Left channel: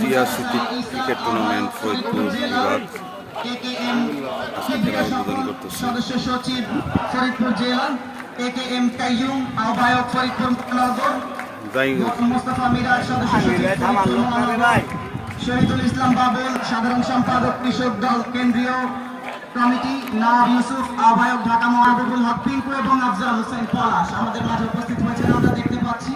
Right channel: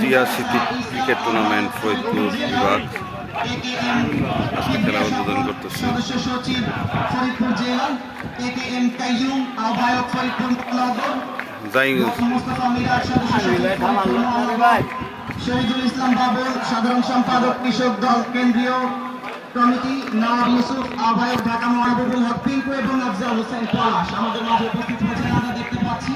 Zia city cricket tournament Faridpur বিভাগ আজকে খেলা উদ্বোধন করতেছে। সদস্য সচিব ফরিদপুর জেলা AKM কাইয়ুম, আহ্বায়ক ফরিদপুর মহানগর মোস্তফা মিরাজ, সদস্য সচিব ফরিদপুর মহানগর শহীদুল ইসলাম বাবুল, সাধারণ সম্পাদক কৃষক দল কেন্দ্রীয় কমিটি নওয়াব ইউসুফ, আহ্বায়ক ঢাকা মাহবুবুল হক পিঙ্কু এবং আফজাল হোসেন পলাশ আমাদের মাঝে উপস্থিত হয়েছেন আমরা দেখতে পাচ্ছি।